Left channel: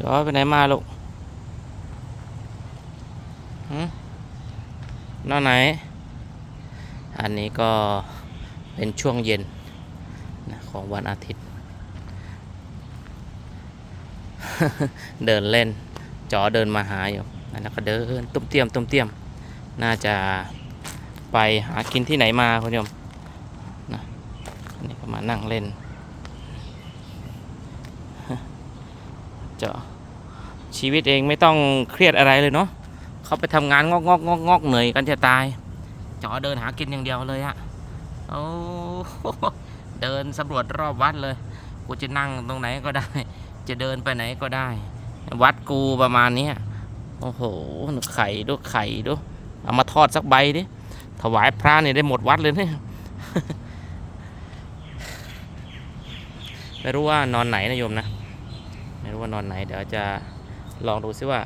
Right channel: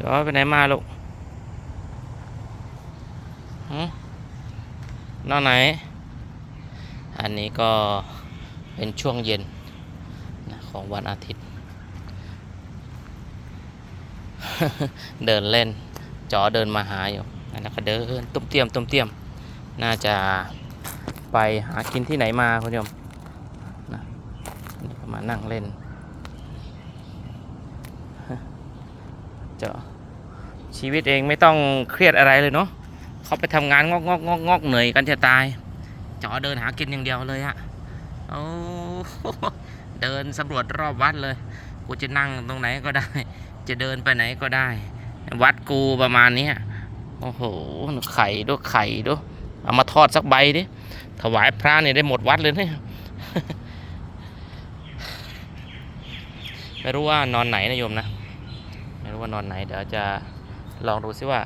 จอไปไหนมาลูกฮนอนไหน อันนี้ก็เป็นช่วงเย็นของวันอาทิตย์ เดินเล่น จอเดินมาหาอยู่แล้วก็เดินตุ้มเตียมตุ้มเตียม น่าจะไปหากินที่ไหนมาคุณผู้ชมนะนี่ก็มานั่งเล่น จชีวิตเองไม่ต้องเครียดอะไรเลยเนาะเขาไปทำงานงอกงอกงอกงอกเหนื่อยกันจะตาย จอเดินหากินอย่างเดียวเลยอะโอ้เดินสำรวจรอบวัดเลย กูจะนั่งตรงไหนก็ได้ จะเดินไปไหนก็ได้ วัดกูประมาณเนี้ยโอ้โหไข่ด้วยไข่ด้วยเอามาทอดสักใบดิถวายพระเนี่ยได้หมดวัดเลยเนี่ยไม่รู้ว่านอนไหนนะโยมนะ ไม่รู้ว่านอนไหน เดี๋ยวจะลองดูซิว่า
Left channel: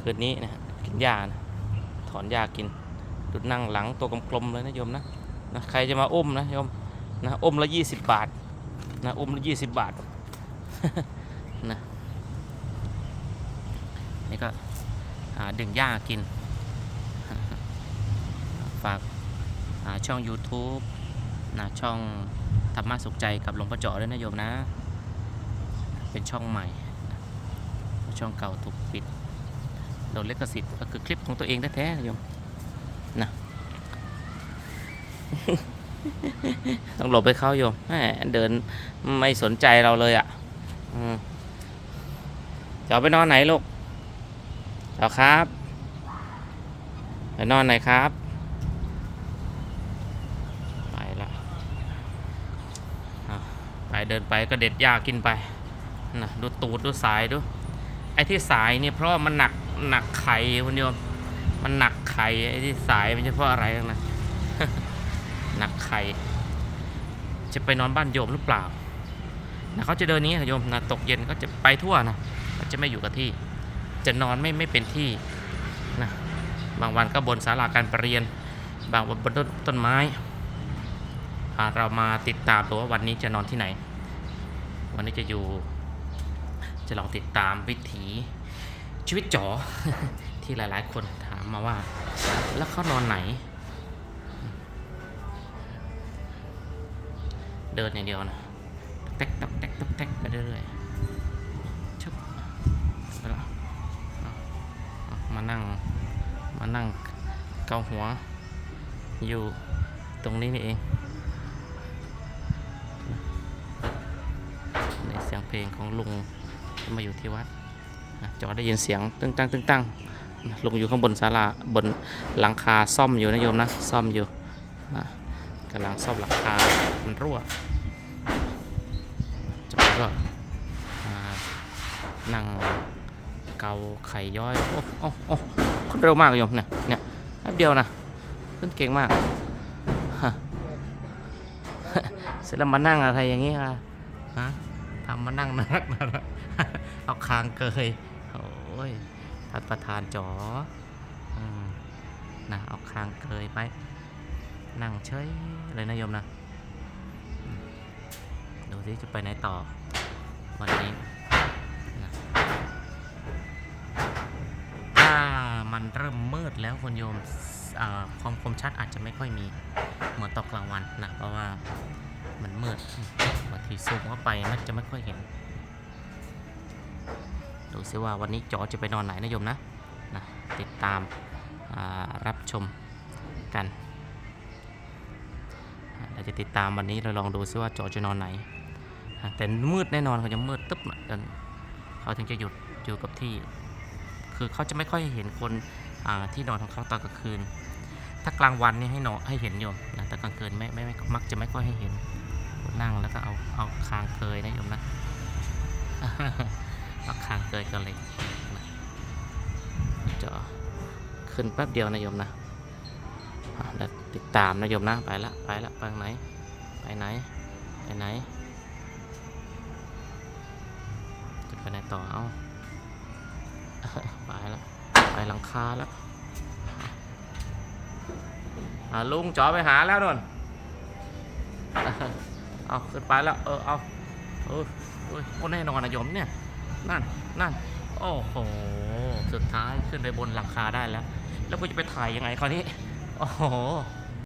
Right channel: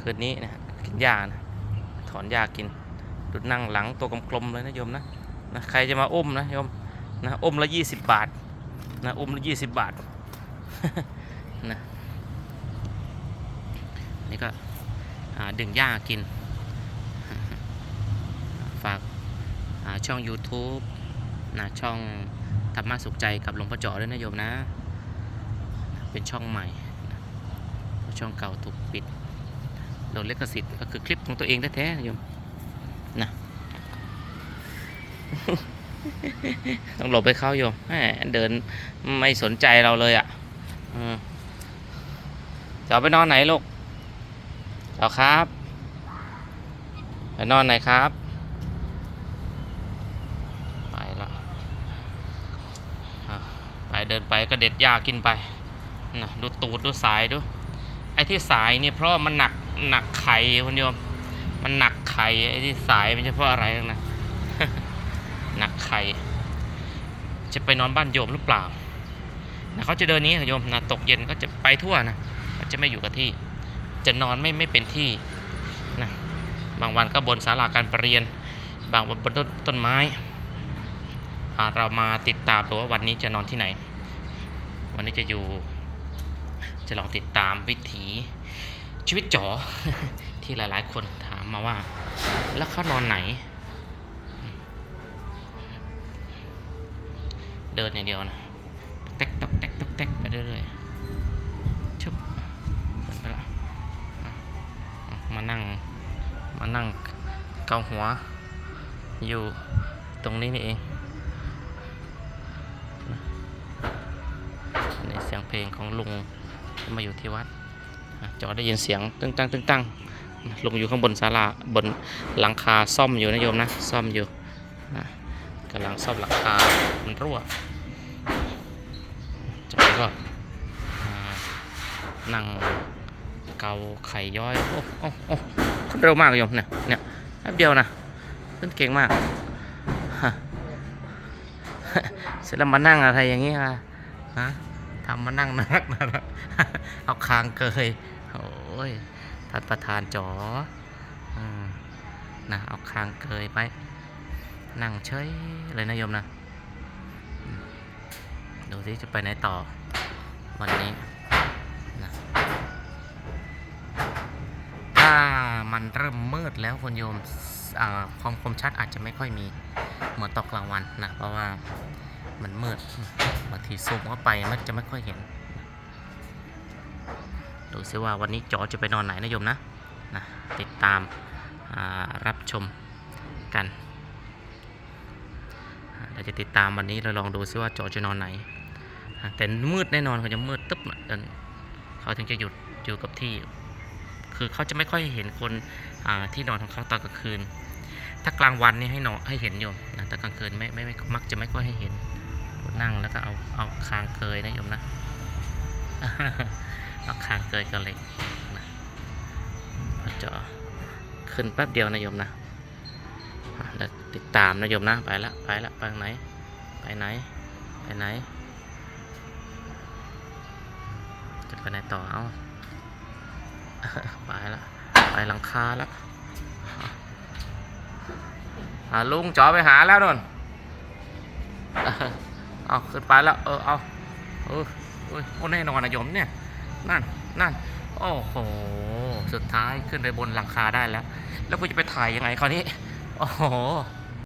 คืนนี้นะกินหญ้านะถอนหญ้ากินดูนั่งหลังตัวกลมๆเลยนะโยมนะนะใครจะมาอุ้มนะโยมนะอุ้มละยี่สิบบาทนะอุ้มละยี่สิบบาทนะนี่ก็หาดึงหญ้ากิน ฝากช่อง YouTube นะช่องธรรมะสุขใจกับหลวงพ่อเจาะด้วยนะโยมนะ เป็นช่องใหม่ ช่องเก่าถูกปิดโดนลิขสิทธิ์ก็คือคลิปของตัวเองแท้ๆนะโยมนะต้องหลบไปเข้าโยมแหมเดินไม่สนใจเราเลยอะ่ะอืมจะเอาไปนอนไหนลูกจอครับไปนอนไหนครับไปละอะไปเดินไปก็เด็ดหญ้ากินไปนะดูตูดดูสายดู ไอ้ที่สายเนี่ยเพราะามันหนักหนักไข่คุณโยม มันหนักไข่ไอ้ที่สายมันจะเพราะอะไรนะหนักไข่จะไปนอนบ้านโยมหรือเปล่านะเขาจะเดินนี้ค่ะโยมนะตกเย็นก็จะไปทั่วนะเขาจะไม่อยู่กับที่ จะนอนไม่ไม่เป็นที่นะบางวันก็บนศาลาการประเรียน บางวันบนต้นต้นไม้เรามาติดตามดูว่าวันนี้จะนอนที่ไหน วันนี้จะอยู่ จะลองติดตามวิถีชีวิตจ๋อที่หลายๆ คนถามมาว่า แล้วเขานอนไหน เดินอย่างเดียวนะตอกแตกตกแตกตกแตกไปเรื่อยๆชุบไปละมานั่งมานั่งเกาหัว อยู่ตรงนี้นี่เองในเสียงเพลงของลุง มาอยู่ที่วัดนะจอได้ยินเสียงตึ้งตั้งตึ้งตั้งลงอยู่ข้างบนศาลาบนหลังคาซ่อมอยู่นะโยมนะซ่อมอยู่กำลังซ่อมหลังคามันรั่วจากนั้นก็อ่านั่งเกาไข่ย้อยโอ้โอ้โอ้เร็วมากโยมเนี่ยเนี่ยแป๊บเดียวนะขึ้นเก่งมากเสร็จแล้วมานั่งอะไรอย่างนี้ค่ะฮะำมานั่งนักนะเอาคางเกยโอ้ยท่านประธานจ๋ออนะเอาคางเกยไป นั่งเฉยเลยนะโยมนะ ดูที่จะไปไหนต่อ วันนี้นะถ้ามันเริ่มมืดแล้วคุณโยมความคมชัดอาจจะไม่ค่อยมี เหมือนตอนกลางวันนะ เพราะว่า มันมืดบางทีซูมเข้าไปมันจะไม่ค่อยเห็น ดูซิว่าวันนี้จอจะไปนอนไหนนะโยมนะนะติดตามารับชมกันเราจะติดตามวันนี้เราลองดูซิว่าจอจะนอนไหน แต่มืดแน่นอนเขาจะมืดตึ๊บเขาถึงจะหยุดอยู่กับที่ คือเขาจะไม่ค่อยเห็นคนที่นอนของเขาตอนกลางคืน ถ้ากลางวันนี่ให้นอนให้เห็นโยมนะแต่กลางคืนไม่ไม่ไม่มักจะไม่ค่อยให้เห็น นั่งแล้วก็เอาเอาคางเกยนะโยมนะเอาคางเกยกับเหล็กนะจอขึ้นแป๊บเดียวนะโยมนะแล้วติดตามนะโยมนะไปละไปละไปไหน ไปไหน ไปไหน จะไปไหนต่อเอาไปละไปหลังคาแล้วอะลุงจอไปหาแล้วนน เอาขึ้นไปแล้ว เออ เอา เออโอ้ยโอ้แน่นอนนะโยมเนี่ย นั่น นั่นอ้โอ้โห สุดท้ายขึ้นไปบนหลังคาได้แล้ว แล้วกูจะไปถ่ายยังไงคราวนี้ โอ้โห